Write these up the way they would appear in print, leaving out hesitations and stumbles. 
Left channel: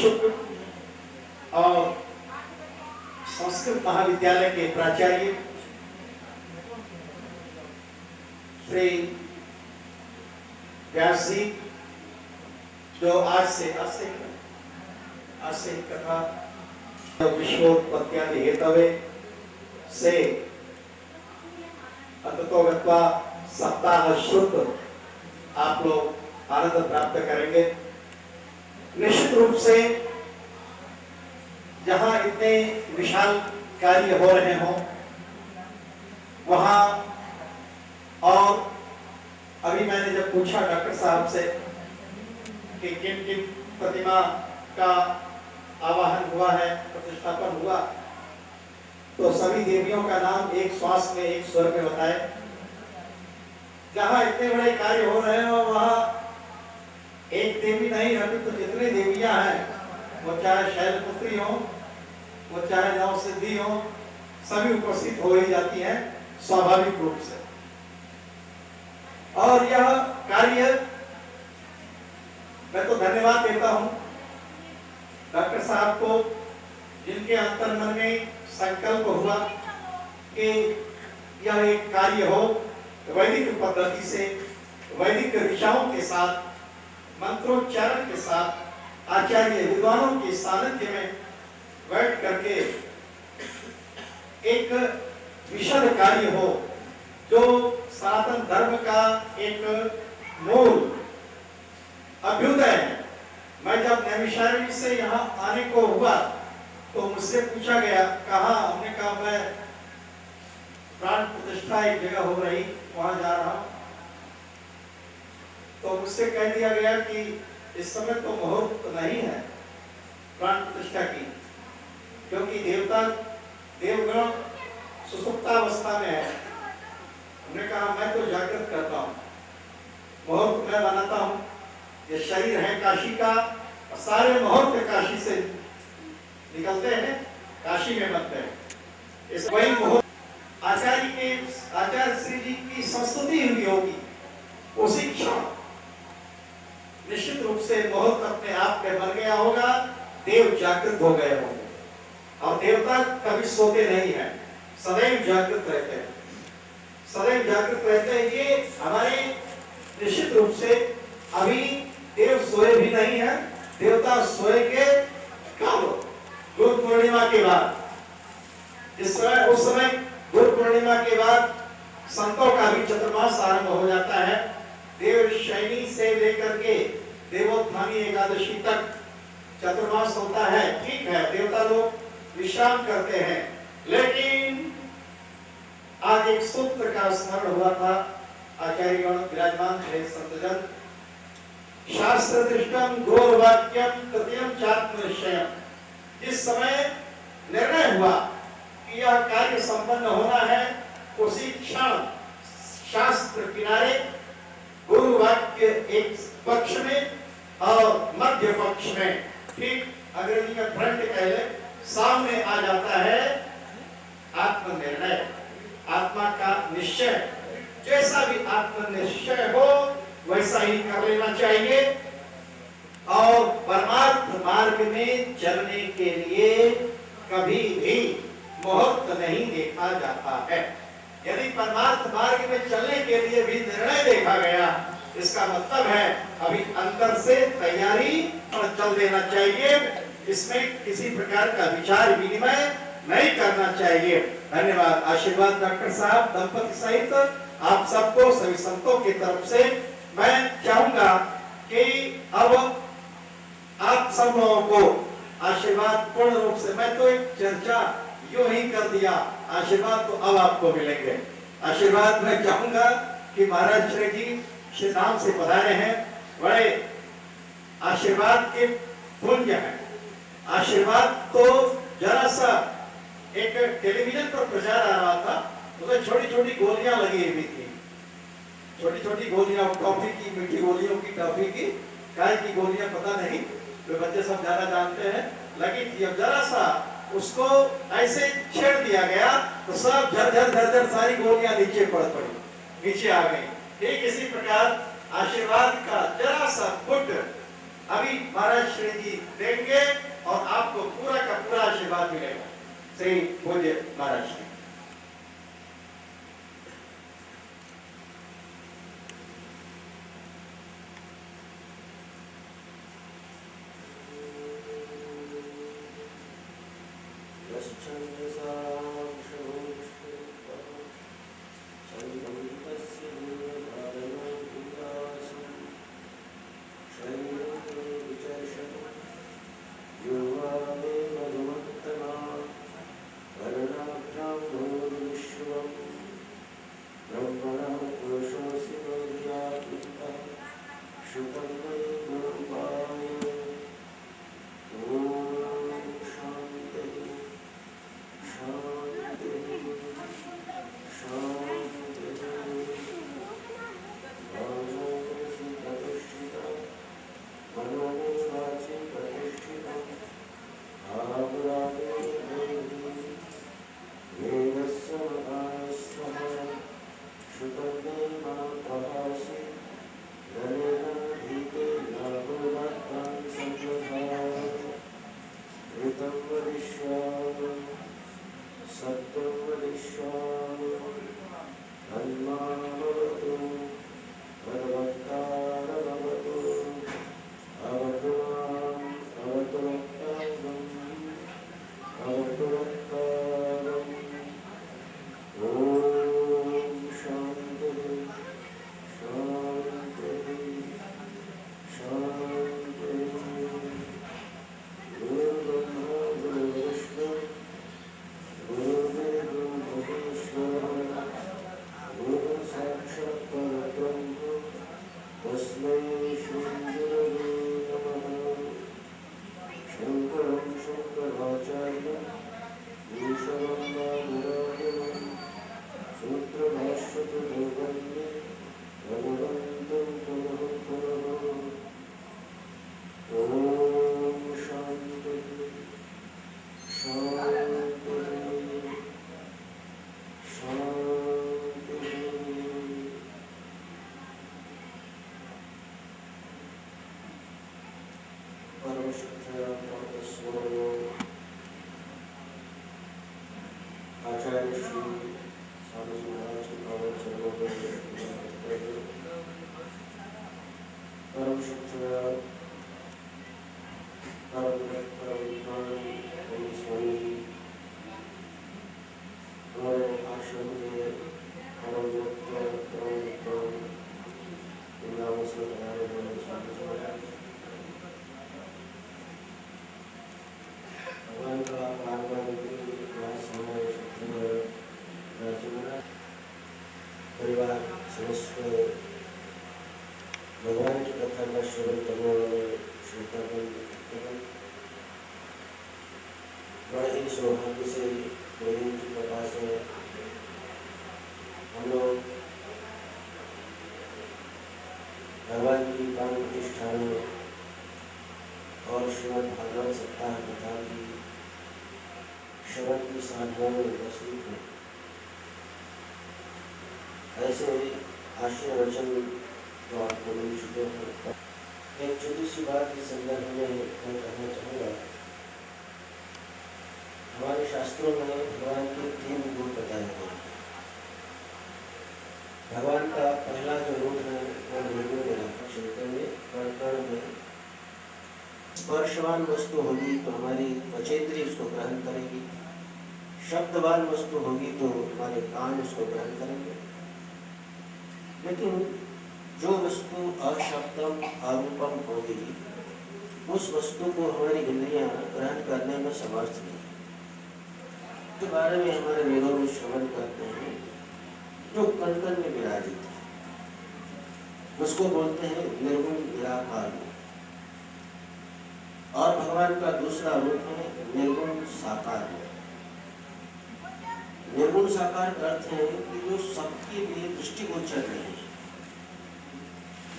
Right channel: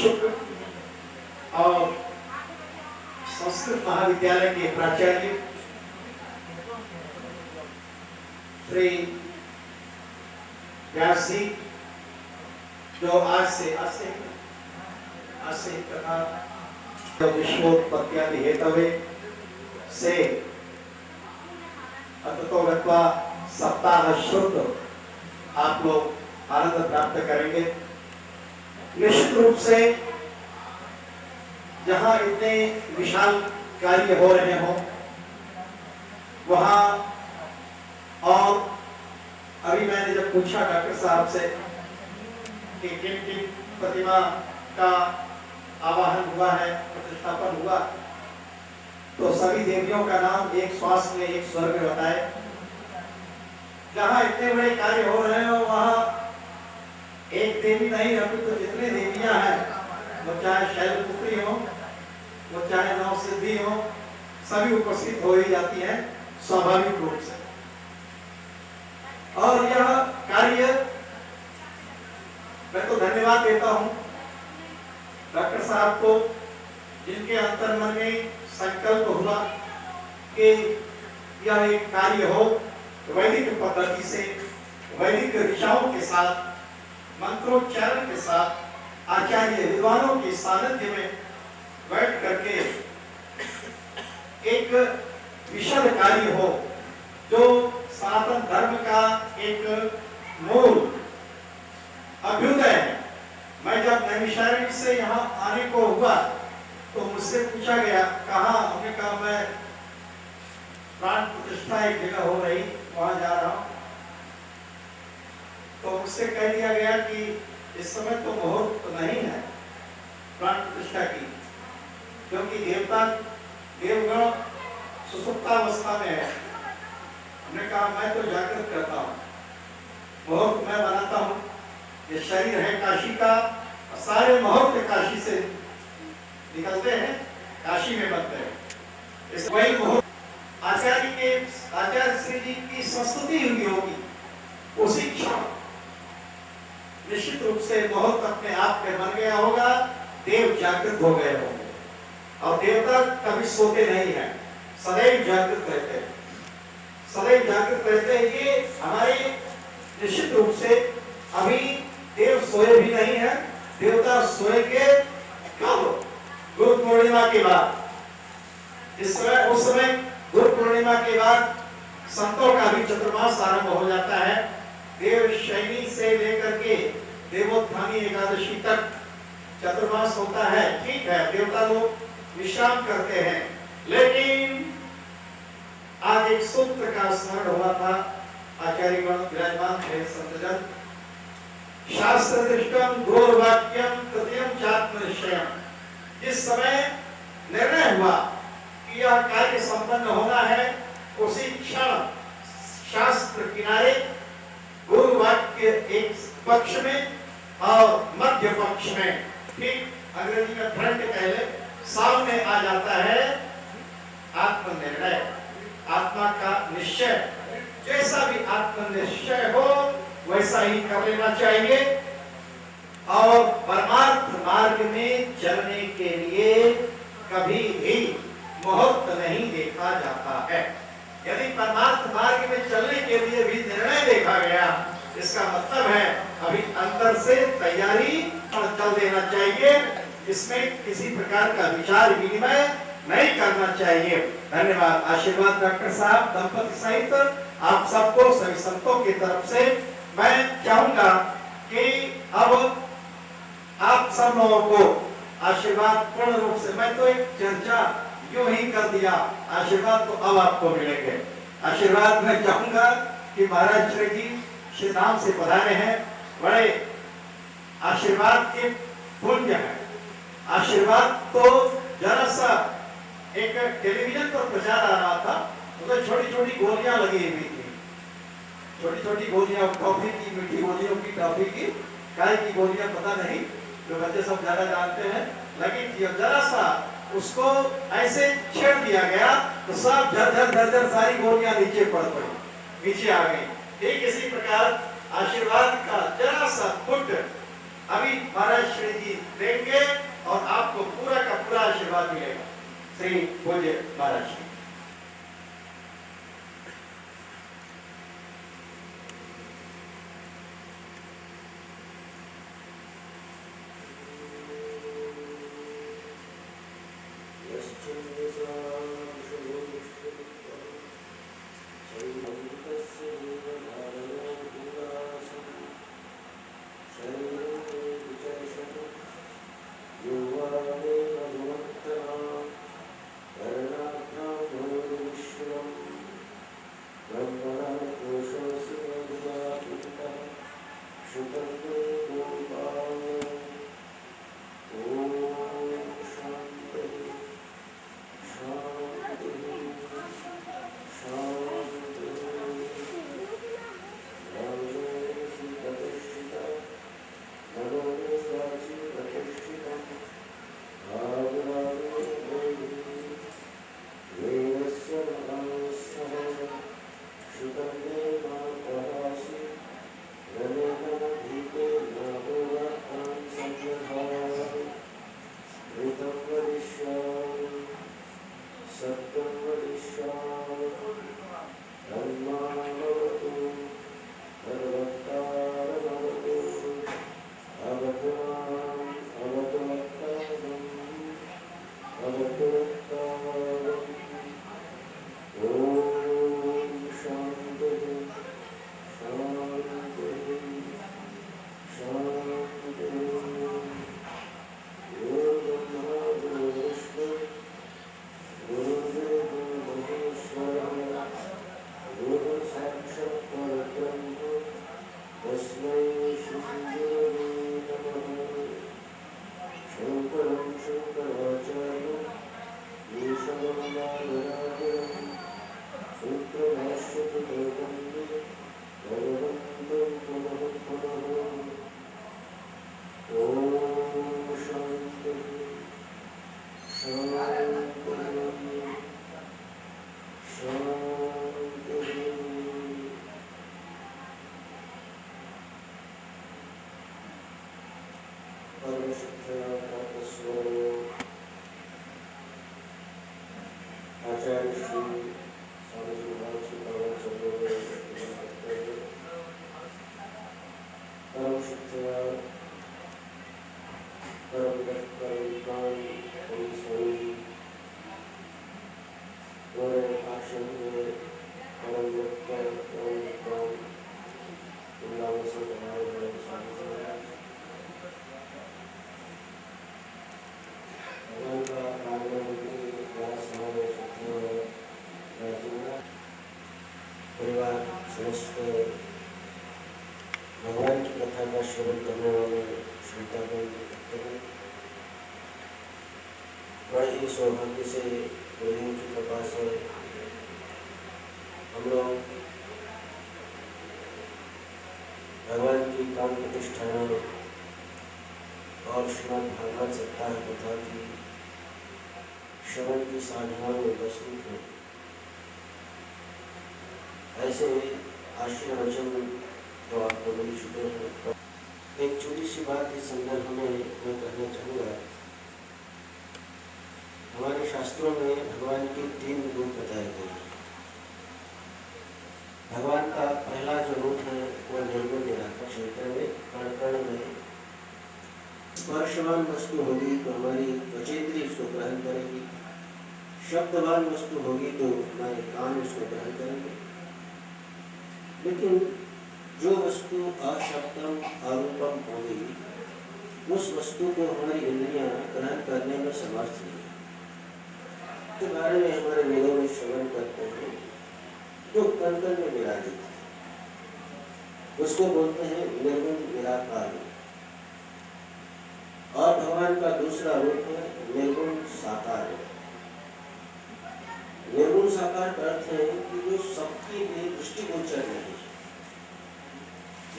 शुक्ल और संस्कृत महाविद्यालय के प्राचार्य श्री व्यास जी, जो आज से कथा विश्वोत्पत्त्यादि हेतवे से अततो गत्वा सप्ताह श्रुत आप लोग आनंद प्राप्त करेंगे। निश्चित रूप से जहां इतने विशाल कार्य हो रहे हों वहां, और अभी मैंने जब पूछा डॉक्टर साहब से कि किन किन प्रतिमा का आवाहन हुआ है, प्रतिष्ठापन हुआ, तो सभी देवियों का नाम एक श्वास में एक स्वर में बताए। जहां इतने बड़े कार्य हो रहे हो वहां एक देवी नहीं, अभी तो जितने देवियां हैं, वो चाहे शैलपुत्री हो, वो चाहे नवसिद्धि हो, सभी उपस्थित हो ही जाती हैं स्वाभाविक रूप से। और यह कार्य मैं तो धन्यवाद देता हूं डॉक्टर साहब को, जिनके अंतर मन में संकल्प हुआ कि यह एक कार्य हो वैदिक पद्धति से, वैदिक ऋचाओं के साथ, मंत्रोच्चारण के साथ, आचार्य विद्वानों के सानिध्य में बैठ करके एक विशद कार्य हो जो सनातन धर्म का एक मूल अभ्युदय है। मैं जब नैमिषारण्य से यहाँ आने को हुआ तो मुझसे पूछा गया कहाँ, हमने कहा मैं प्राण प्रतिष्ठा एक जगह हो रही वहां जा रहा हूं। तो मुझसे कह दिया गया कि इस समय तो मुहूर्त नहीं है प्राण प्रतिष्ठा की, क्योंकि देवगण सुसुप्तावस्था में है। हमने कहा मैं तो जागृत करता हूँ, मुहूर्त मैं बनाता हूँ। ये शरीर है काशी का, सारे मुहूर्त काशी से निकलते हैं, काशी में बनते हैं। इस वही मुहूर्त आचार्य श्री जी की संस्तुति हुई होगी, उसी क्षण निश्चित रूप से मुहूर्त अपने आप में बन गया होगा, देव जागृत हो गए होंगे। और देवता कभी सोते नहीं है, सदैव जागृत रहते हैं, सदैव जागृत रहते हैं। ये हमारे निश्चित रूप से अभी देव सोए भी नहीं है, देवता सोएंगे कब? गुरु पूर्णिमा के बाद। इस समय उस समय गुरु पूर्णिमा के बाद संतों का भी चतुर्मास आरंभ हो जाता है। देव शयनी से लेकर के देवोत्थानी एकादशी तक चतुर्मास होता है। ठीक है, देवता लोग विश्राम करते हैं, लेकिन आज एक सूत्र का स्मरण हुआ था। आचार्यगण विराजमान थे, संतजन। शास्त्र दृष्टम गौरवाक्यम तृतीयम चात्मनिश्चयम। जिस समय निर्णय हुआ कि यह कार्य संपन्न होना है, उसी क्षण शास्त्र किनारे गुरु वाक्य एक पक्ष में और मध्य पक्ष में, ठीक अंग्रेजी में फ्रंट कहले, सामने आ जाता है आत्मनिर्णय, आत्मा का निश्चय। जैसा भी आत्मनिश्चय हो वैसा ही कर लेना चाहिए। और परमार्थ मार्ग में चलने के लिए कभी भी मुहूर्त नहीं देखा जाता है। यदि परमार्थ मार्ग में चलने के लिए भी निर्णय देखा गया, इसका मतलब है अभी अंतर से तैयारी चल देना चाहिए। इसमें किसी प्रकार का विचार विनिमय नहीं करना चाहिए। धन्यवाद। आशीर्वाद डॉक्टर साहब, दंपति सहित आप सबको, सभी संतों की तरफ से मैं चाहूंगा कि अब आप सब लोगों को आशीर्वाद पूर्ण रूप से, मैं तो एक चर्चा यूं ही कर दिया, आशीर्वाद तो अब आपको मिलेंगे। आशीर्वाद मैं चाहूंगा कि महाराज श्री जी श्री धाम से पधारे हैं, बड़े आशीर्वाद के पुंज हैं। आशीर्वाद तो जरा सा एक टेलीविजन पर प्रचार आ रहा था, उसमें छोटी छोटी गोलियां लगी हुई थी, छोटी छोटी गोलियां, टॉफी की, मीठी गोलियों की, टॉफी की, काय की गोलियां पता नहीं, जो बच्चे सब ज्यादा जानते हैं, लगी थी। अब जरा सा उसको ऐसे छेड़ दिया गया तो सब झरझर झरझर सारी गोलियां नीचे पड़ पड़ी, नीचे आ गई। ठीक इसी प्रकार आशीर्वाद का जरा सा फुट अभी महाराज श्री जी देंगे और आपको पूरा का पूरा आशीर्वाद मिलेगा। श्री पूज्य महाराज जी। भगवान की कथा का श्रवण करने वाले श्रोतागण बड़े ही सौभाग्य से प्रभु की कृपा से हम लोग भगवान की प्राण प्रतिष्ठा और श्रीमद् भागवत सप्ताह कथा की श्रवण की साधना में उपस्थित हैं। ऐसे आशीर्वाद वचन तो आपको मिल चुके हैं। एक छोटी सी बात इस संदर्भ में मैं कहना चाहूँगा। हमारे शास्त्रों में भगवान के 3 रूप बताए गए हैं। भगवान का पहला जो रूप है वो निर्गुण निराकार क्षेत्र में कण कण में स्पर्शवान वस्तु होगी तो हमारी त्वचेंद्रिय उसको ग्रहण करेगी, शब्दवान वस्तु होगी तो हमारे कान उसको ग्रहण करेंगे। लेकिन जो वस्तु अशब्दम अरूपम होगी उस वस्तु को हमारी इंद्रियां ग्रहण करने में समर्थ नहीं। के बारे में हमारे वेदों में श्रवण करते हैं। जो कण कण में विराजित है उसको बोलते हैं निर्गुण निराकार। और भगवान का दूसरा रूप है निर्गुण साकार। निर्गुण साकार का अर्थ है कि जो सबके लिए दृष्टिगोचर नहीं,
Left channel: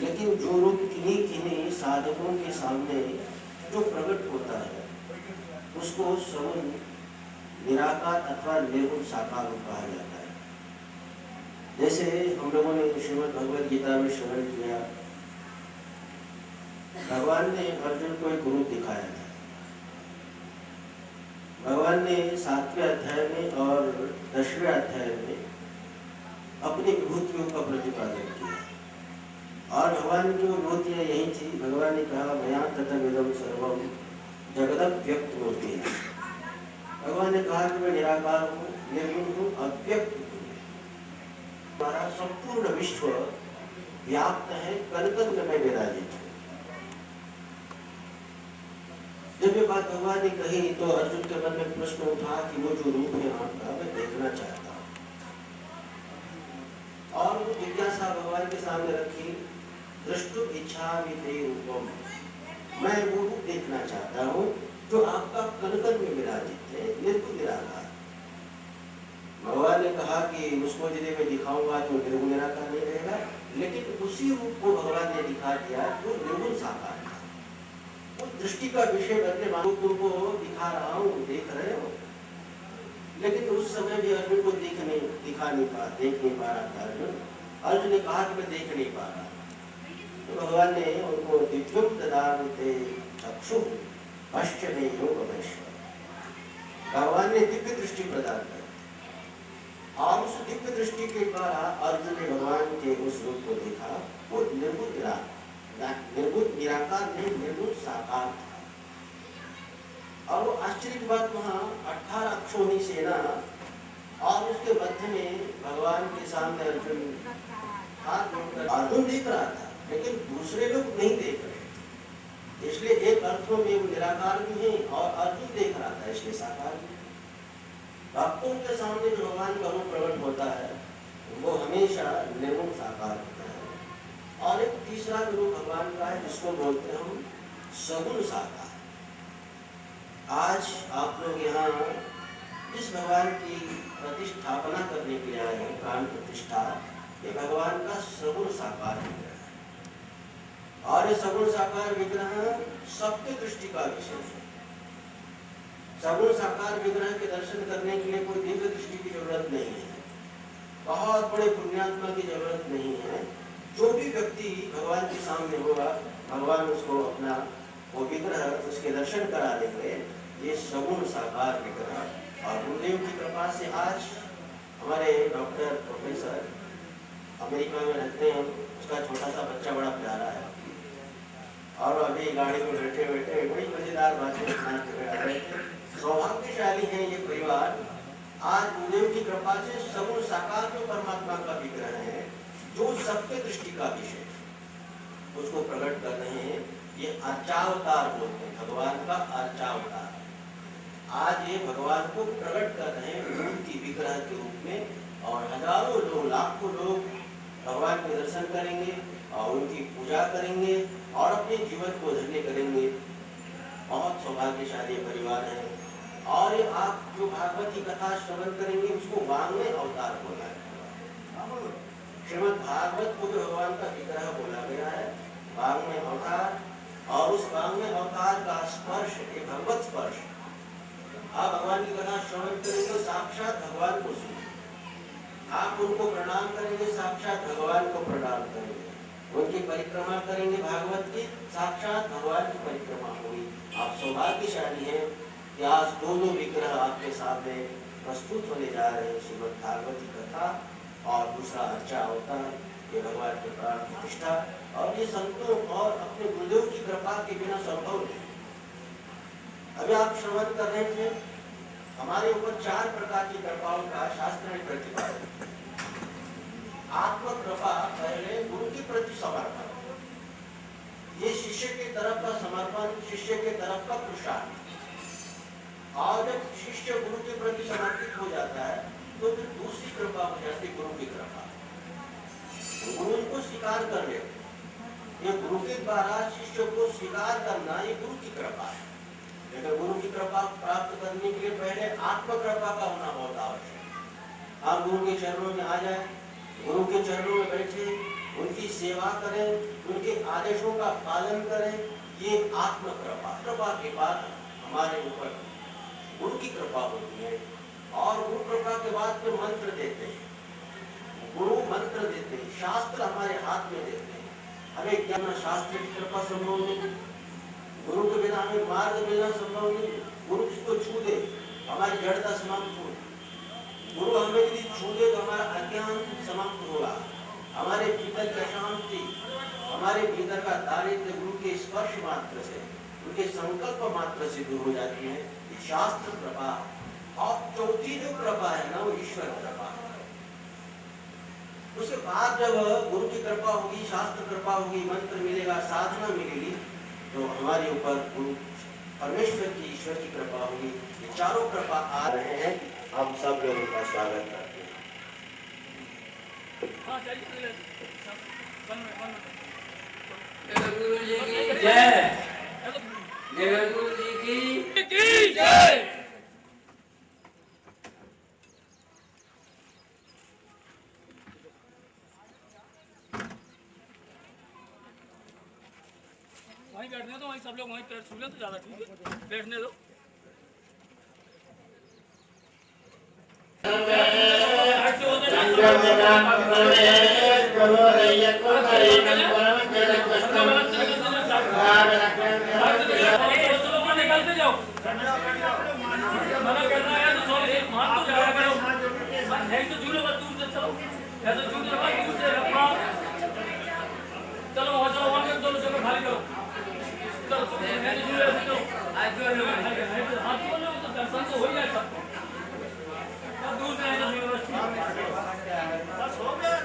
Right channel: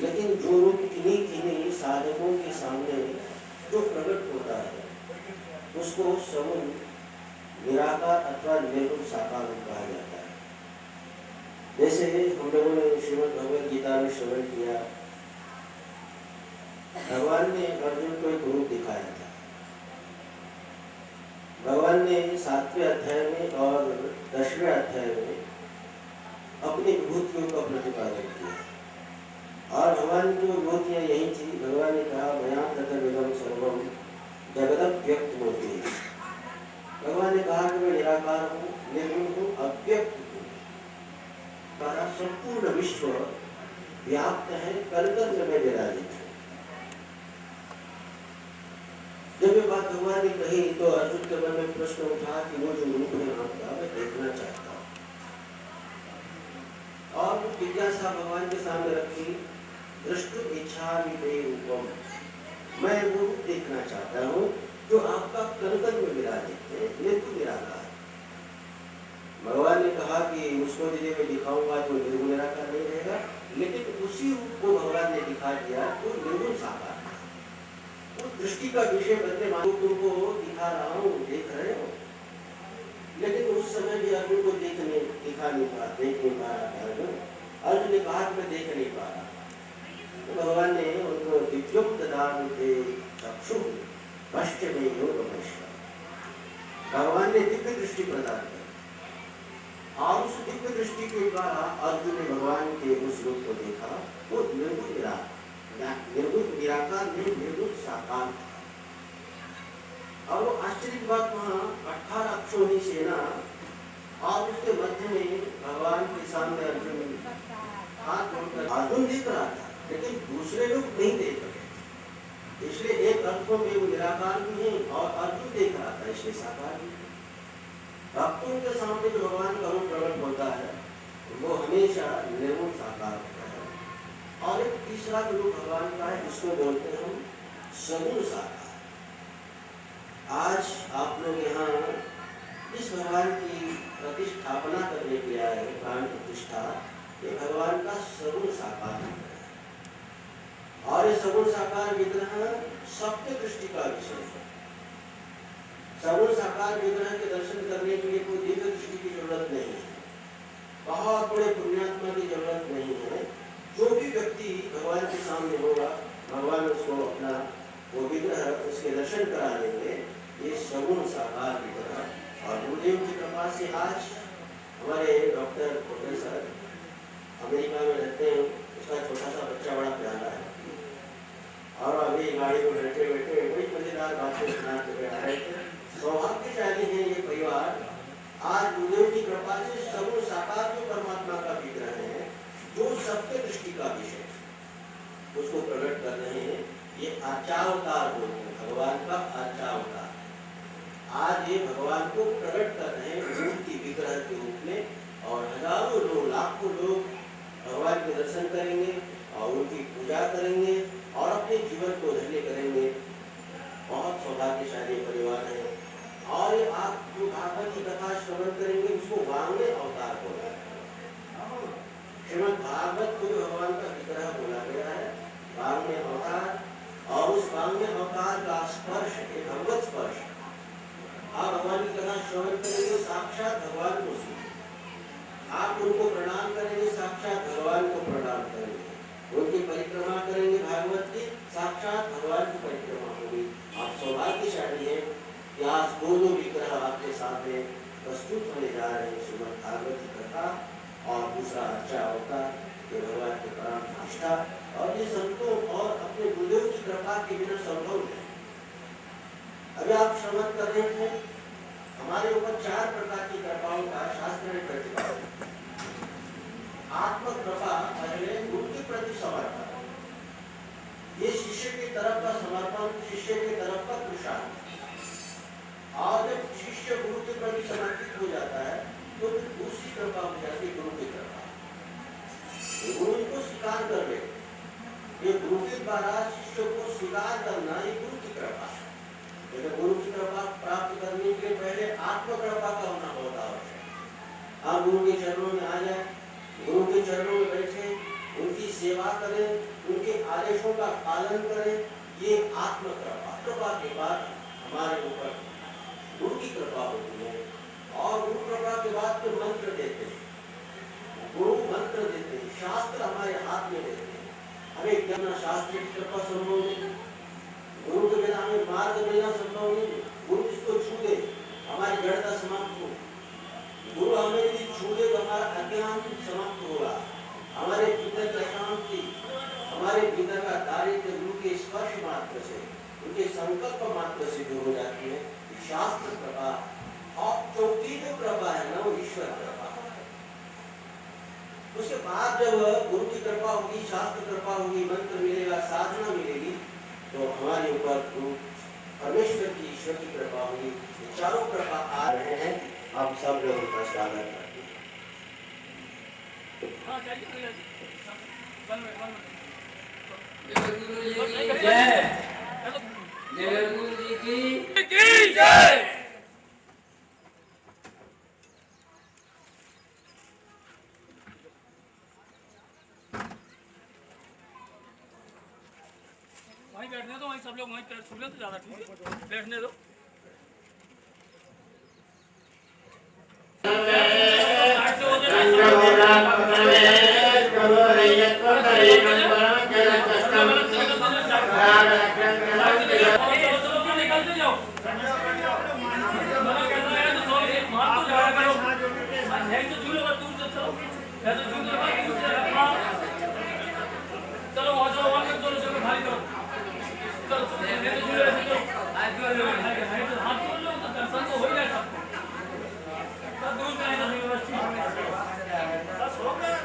लेकिन जो रूप किन्हीं साधकों के सामने जो प्रकट होता है उसको सगुण निराकार अथवा निर्गुण साकार कहा जाता है। जैसे हम लोगों ने श्रीमद् भगवद गीता में श्रवण किया, भगवान ने अर्जुन को एक रूप दिखाया था भगवान ने 7वें अध्याय में और 10वें अध्याय में अपनी विभूतियों का प्रतिपादन किया। और भगवान की विभूतियाँ यही थी। भगवान ने कहा मया ततमिदं सर्वम जगदव्यक्तमूर्ति। भगवान ने कहा कि मैं निराकार हूँ, निर्गुण हूँ, अव्यक्त हूँ। हमारा संपूर्ण विश्व व्याप्त है, कण-कण में विराजित है। जब ये बात भगवान ने कही तो अर्जुन के मन में प्रश्न उठा कि वो जो रूप है आपका मैं देखना चाहता हूँ। और जिज्ञासा भगवान के सामने रखी, दृष्टुम इच्छामि ते रूपम, मैं वो देखना चाहता हूँ जो आपका कण-कण में विराजित है, निर्गुण निराकार। भगवान ने कहा कि उसको यदि मैं दिखाऊंगा तो निर्गुण निराकार नहीं रहेगा, लेकिन उसी रूप को भगवान ने दिखा दिया जो निर्गुण साकार है। उस दृष्टि का विषय बनने वालों तुमको दिखा रहा हूँ, देख रहे हो, लेकिन उस समय भी अर्जुन को देख नहीं पा रहा। अर्जुन ने कहा कि मैं देख नहीं पा रहा। तो भगवान ने उनको दिव्यम ददामि ते चक्षुः पश्यमेयो वदस्व। भगवान ने दिव्य दृष्टि प्रदान की और उस दिव्य दृष्टि के द्वारा अर्जुन ने भगवान के उस रूप को देखा। वो निर्गुण निराकार नहीं, निर्गुण साकार। और वो आश्चर्य की बात वहाँ 18 अक्षोहिणी सेना और उसके मध्य में भगवान के सामने अर्जुन हाथ जोड़कर अर्जुन दिख रहा था, लेकिन दूसरे लोग नहीं देख रहे। इसलिए एक अर्थों में वो निराकार भी है और अर्जुन देख रहा था, इसलिए साकार भी। भक्तों के सामने जो भगवान का रूप प्रकट होता है वो हमेशा निर्गुण साकार होता है। और एक तीसरा रूप भगवान का है जिसको बोलते हैं हम सगुण साकार। आज आप लोग यहाँ इस भगवान की प्रतिष्ठापना करने के लिए आए हैं, प्राण प्रतिष्ठा। ये भगवान का सगुण साकार विग्रह है और ये सगुण साकार विग्रह सत्य दृष्टि का विषय है। सगुण साकार विग्रह के दर्शन करने के लिए कोई दिव्य दृष्टि की जरूरत नहीं है, बहुत बड़े पुण्यात्मा की जरूरत नहीं है। जो भी व्यक्ति भगवान के सामने होगा, भगवान उसको अपना वो विग्रह उसके दर्शन करा देंगे। ये सगुण साकार विग्रह। और गुरुदेव की कृपा से आज हमारे डॉक्टर प्रोफेसर अमेरिका में रहते हैं, उसका छोटा सा बच्चा बड़ा प्यारा है और अभी गाड़ी में बैठे बैठे बड़ी मजेदार बातें सुना के आ रहे थे। सौभाग्यशाली है ये परिवार। आज गुरुदेव की कृपा से सगुण साकार जो परमात्मा का विग्रह है, जो सबके दृष्टि का विषय उसको प्रकट कर रहे हैं। ये अर्चावतार बोलते हैं, भगवान का अर्चावतार। आज ये भगवान को प्रकट कर रहे हैं मूर्ति विग्रह के रूप में और हजारों लोग, लाखों लोग भगवान के दर्शन करेंगे और उनकी पूजा करेंगे और अपने जीवन को धन्य करेंगे। बहुत सौभाग्यशाली परिवार है। और आप जो भागवत की कथा श्रवण करेंगे उसको वांग्मय अवतार बोला है। श्रीमद् भागवत को जो भगवान का विग्रह बोला गया है, वांग्मय अवतार। और उस वांग्मय अवतार का स्पर्श एक भगवत स्पर्श। आप भगवान की कथा श्रवण करेंगे, साक्षात भगवान को सुनेंगे। आप उनको प्रणाम करेंगे, साक्षात भगवान को प्रणाम करेंगे। उनकी परिक्रमा करेंगे, भागवत की साक्षात भगवान की परिक्रमा होगी। आप सौभाग्यशाली हैं कि आज दोनों विग्रह आपके सामने प्रस्तुत होने जा रहे हैं, श्रीमद् भागवत की कथा और दूसरा अच्छा अवतार, ये भगवान की प्राण प्रतिष्ठा। और ये संतों और अपने गुरुदेव की कृपा के बिना संभव नहीं। अभी आप श्रवण कर रहे थे, हमारे ऊपर 4 प्रकार की कृपाओं का शास्त्र ने प्रतिपादन। आत्म कृपा पहले गुरु के प्रति समर्पण, ये शिष्य की तरफ का समर्पण, शिष्य की तरफ का पुरुषार्थ। और जब शिष्य गुरु के प्रति समर्पित हो जाता है तो फिर दूसरी कृपा हो जाती है गुरु की कृपा। गुरु को स्वीकार कर ले, ये गुरु के द्वारा शिष्य को स्वीकार करना, ये गुरु की कृपा है। लेकिन गुरु की कृपा प्राप्त करने के लिए पहले आत्म कृपा का होना बहुत आवश्यक है। आप गुरु के चरणों में आ जाए, गुरु के चरणों में बैठे, उनकी सेवा करें, उनके आदेशों का पालन करें, ये आत्म कृपा। कृपा के बाद हमारे ऊपर गुरु की कृपा होती है। और गुरु कृपा के बाद फिर मंत्र देते हैं, गुरु मंत्र देते हैं, शास्त्र हमारे हाथ में देते हैं। हमें ज्ञान शास्त्र की कृपा संभव नहीं, गुरु के बिना हमें मार्ग मिलना संभव नहीं। गुरु जिसको छू दे मात्र से दूर हो जाती है। शास्त्र कृपा और चौथी जो कृपा है ना वो ईश्वर कृपा। उसके बाद जब गुरु की कृपा होगी, शास्त्र कृपा होगी, मंत्र मिलेगा, साधना मिलेगी, तो हमारे ऊपर गुरु परमेश्वर की, ईश्वर की कृपा होगी। ये चारों कृपा आ रहे हैं, आप सब लोगों का स्वागत करते हैं। गुरु जी की जय। गुरु जी की जय। वहीं बैठने दो, वहीं सब लोग वहीं पैर छू लें तो ज़्यादा ठीक है, बैठने दो। निकलते जाओ, मना करना है तो मार तो जाया करो, ऐसे झूलो मत, दूर से चलो, ऐसे झूलो मत, दूर से अपना चलो, वहाँ चलो, वहाँ के दोनों जगह खाली करो, चलो ऐसे झूलो, ऐसे चलो, हाथ जोड़ लो तो दर्शन तो हो ही जाए सबको, तब दूर से आएगा बस हो गया।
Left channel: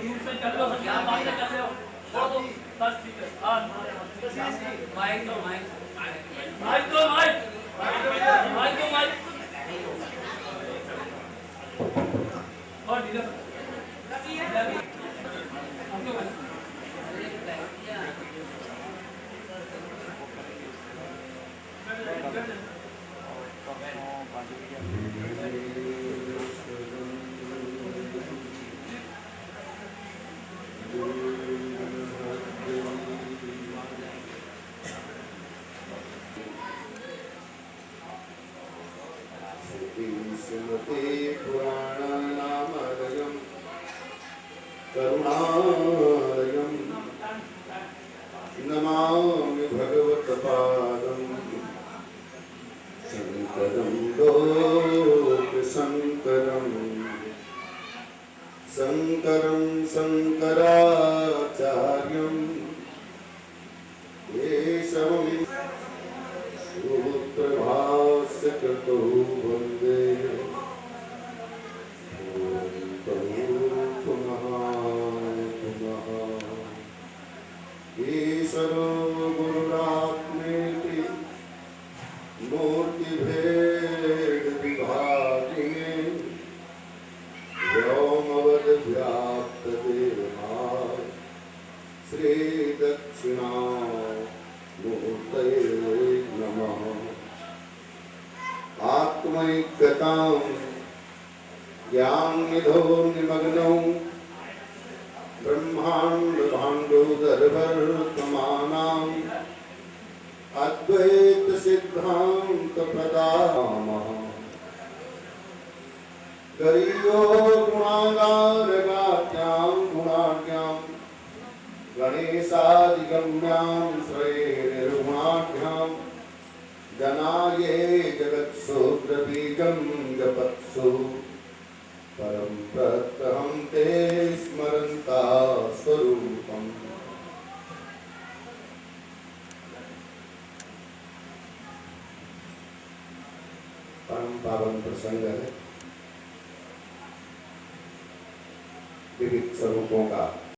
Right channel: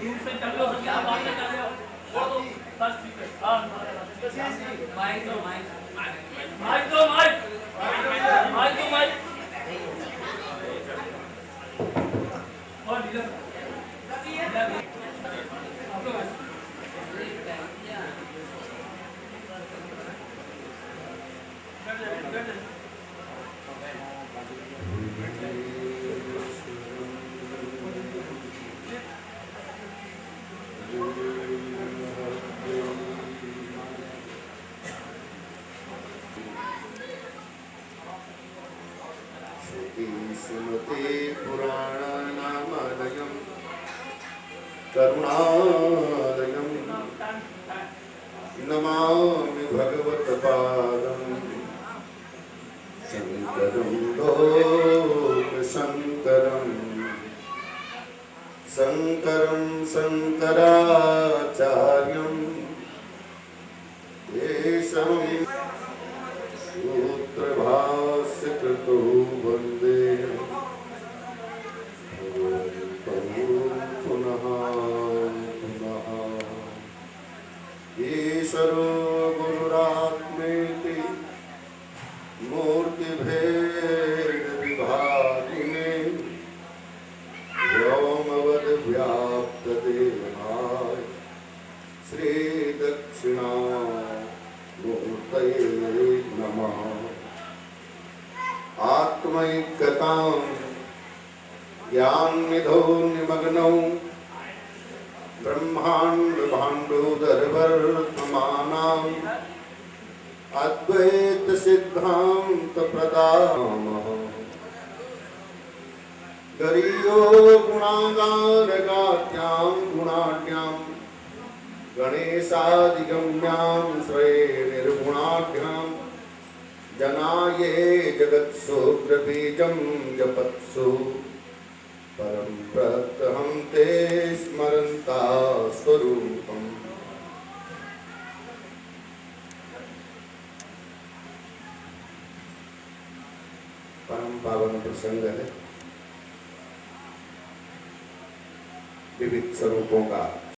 दूर से चल लो, बात कर लो, वो तो बस ठीक है। हाँ माइक दो, माइक दो, माइक दो, माइक और ढीला आप लोग श्रीमते पुराणानामालयम् करुणालयम् नमामि भगवत्पादम् शङ्करं लोकशङ्करम् शङ्करं शङ्कराचार्यम् केशवम् सूत्रभाष्यकृतो वन्दे पुनः पुनः। ईश्वरो गुरुरात्मेति मूर्तिभेदविभागिने व्योमवद्व्याप्तदेहाय श्रीदक्षिणामूर्तये नमः। आत्मैक्यतां ज्ञाननिधौ निमग्नौ ब्रह्माण्डभाण्डोदरवर्तमानाम् अद्वैतसिद्धान्तप्रदामः। गरीयो गुणागारगात्यां गुणाढ्यां गणेशादिगम्यां श्रेयनिर्गुणाढ्यां जनाये जगत्सोग्रबीजं जपत्सु परं प्रत्यहं ते स्मरन्ता स्वरूपम्। परम पावन प्रसंग है विविध स्वरूपों का